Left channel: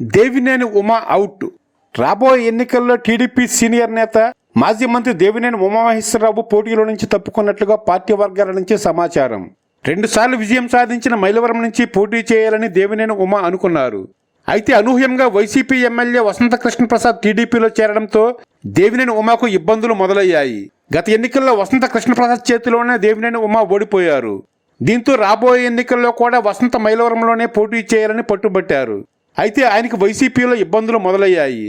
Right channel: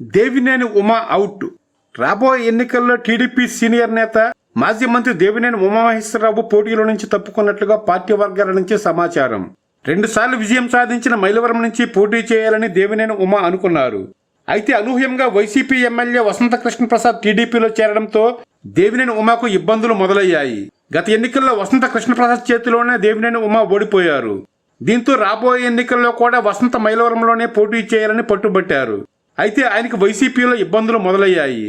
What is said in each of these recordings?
Devineni Uma out. రాబోయే ఎన్నికల్లో TDP senior నేత మాజీ మంత్రి దేవినేని ఉమామహేశ్వరరావు పోటీలో నుంచి తప్పుకున్నట్లుగా పార్టీ వర్గాల నుంచి సమాచారం. రెండుసార్లు విజయం సాధించిన మైలవరం నుంచి పోటీ చేయాలని దేవినేని ఉమా అనుకున్నారు. అయితే అనూహ్యంగా వైసీపీ ఎమ్మెల్యే వసంత కృష్ణప్రసాద్ టీడీపీలో చేరడంతో దేవినేని ఉమాకు ఇబ్బందులు మొదలయ్యాయి. గత ఎన్నికల్లో వసంత కృష్ణప్రసాద్ చేతిలోనే దేవినేని ఉమా ఓడిపోయారు. దీంతో రాబోయే ఎన్నికల్లో కూడా వసంత మైలవరంలోనే పోటీ చేయాలని పట్టుబట్టారు. అయితే ఆయనకు వైసీపీలో ఇబ్బందులు మొదలయ్యాయి.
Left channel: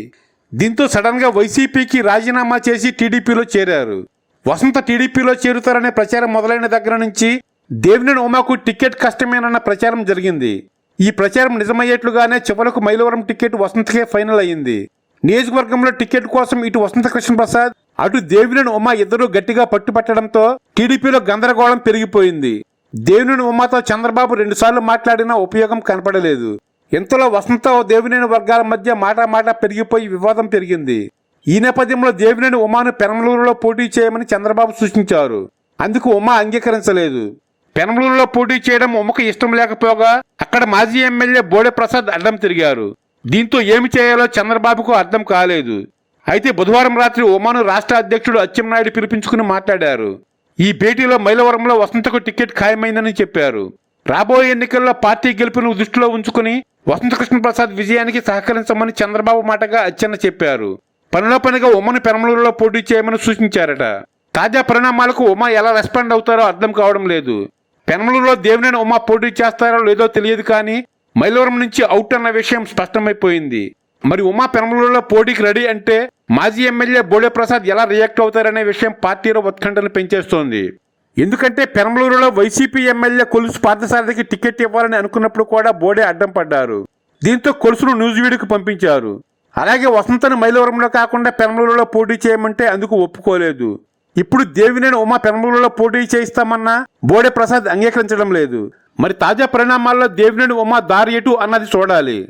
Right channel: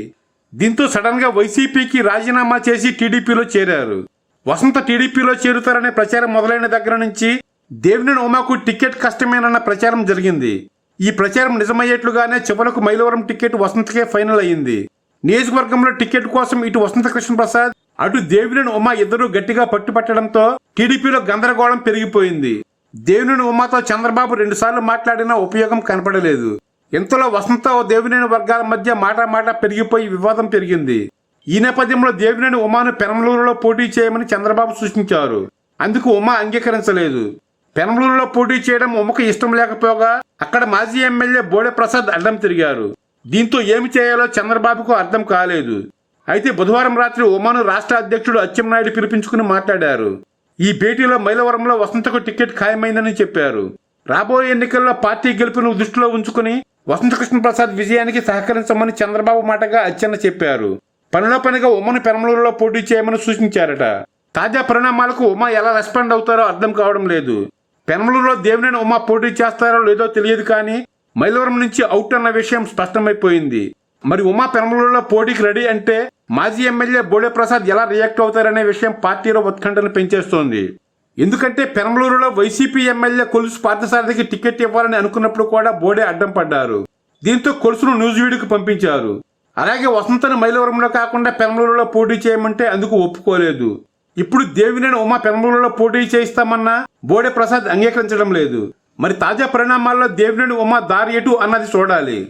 దీంతో సడన్గా వైసీపీకి రాజీనామా చేసి టీడీపీలో చేరారు. వసంత టీడీపీలో చేరుతారనే ప్రచారం మొదలైన దగ్గర నుంచి దేవినేని ఉమాకు టికెట్ కష్టమేనన్న ప్రచారం జరిగింది. ఈ ప్రచారం నిజమయ్యేట్లుగానే చివరకు మైలవరం టికెట్ వసంతకే ఫైనల్ అయింది నియోజకవర్గంలో టికెట్ కోసం ఇటు వసంత కృష్ణ ప్రసాద్ అటు దేవినేని ఉమా ఇద్దరూ గట్టిగా పట్టుపట్టడంతో టీడీపీలో గందరగోళం పెరిగిపోయింది. దేవినేని ఉమాతో చంద్రబాబు రెండుసార్లు మాట్లాడినా ఉపయోగం కనపడలేదు. ఇంతలో వసంత దేవినేని వర్గాల మధ్య మాట మాట పెరిగిపోయి వివాదం పెరిగింది. ఈ నేపథ్యంలో దేవినేని ఉమాను పెనమలూరులో పోటీ చేయమని చంద్రబాబు సూచించారు. అందుకు ఉమా అంగీకరించలేదు. పెనమలూరులో పోటీ చేయడం ఉమకు ఇష్టం లేకపోగా అక్కడ మాజీ ఎమ్మెల్యే బోడే ప్రసాద్ అడ్డం తిరిగారు. దీంతో ఏమి చేయాలో చంద్రబాబుకు అర్థం కాలేదు. అయితే బుధవారం రాత్రి ఉమాను రాష్ట్ర అధ్యక్షుడు అచ్చెన్నాయుడు పిలిపించుకుని మాట్లాడారు. ఈ భేటీలో మైలవరంలో వసంతకు టికెట్ ఖాయమైందని చెప్పారు. రాబోయే ఎన్నికల్లో పార్టీ గెలుపును దృష్టిలో ఉంచుకుని వసంతకృష్ణ ప్రసాద్ విజయానికి సహకరించమని చంద్రబాబు మాటగా అచ్చెన్న చెప్పారు. పనిలో పనిగా ఉమ్మను పెనమలూరులో పోటీ చేయమని సూచించారట. తాజా పరిణామాలకు ఉమా ఎలా రెస్పాండ్ అవుతారో అర్థం కావడం లేదు. పెనమలూరులో దేవినేని ఉమా పోటీ చేస్తారో లేదో తెలియదు కానీ మైలవరం నుంచి అవుట్ అన్న విషయం స్పష్టమైపోయింది. మరి ఉమా పెనమలూరులో పోటీకి రెడీ అంటే మాజీ ఎమ్మెల్యే బోడే ప్రసాద్ ఎలా రియాక్ట్ అవుతారనే విషయం పార్టీలో ఉత్కంఠను పెంచేస్తోంది. ఎందుకంటే పెరంబలూరులో వైసీపీ ఎమ్మెల్యే కొలుసు పార్థసారథికి టికెట్ ఇవ్వాలని అనుకున్నప్పుడు కూడా బోడే అడ్డం పడ్డారు. దీంతో కొలుసును నూజివీడుకు పంపించారు. అలాగే వసంతను మైలవరంలో కాకుండా పెరంబలూరులో పోటీ చేయమంటే అందుకు ఒప్పుకోలేదు. ఇప్పుడు దేవినేని ఉమా పెరంబలూరులో పోటీ చేయిస్తామన్నా బోడే ప్రసాద్ అంగీకరించడం లేదు. మరి తాజా పరిణామాల్లో దేవినేని ఉమా దారి ఎటు అన్నది చూడాలి.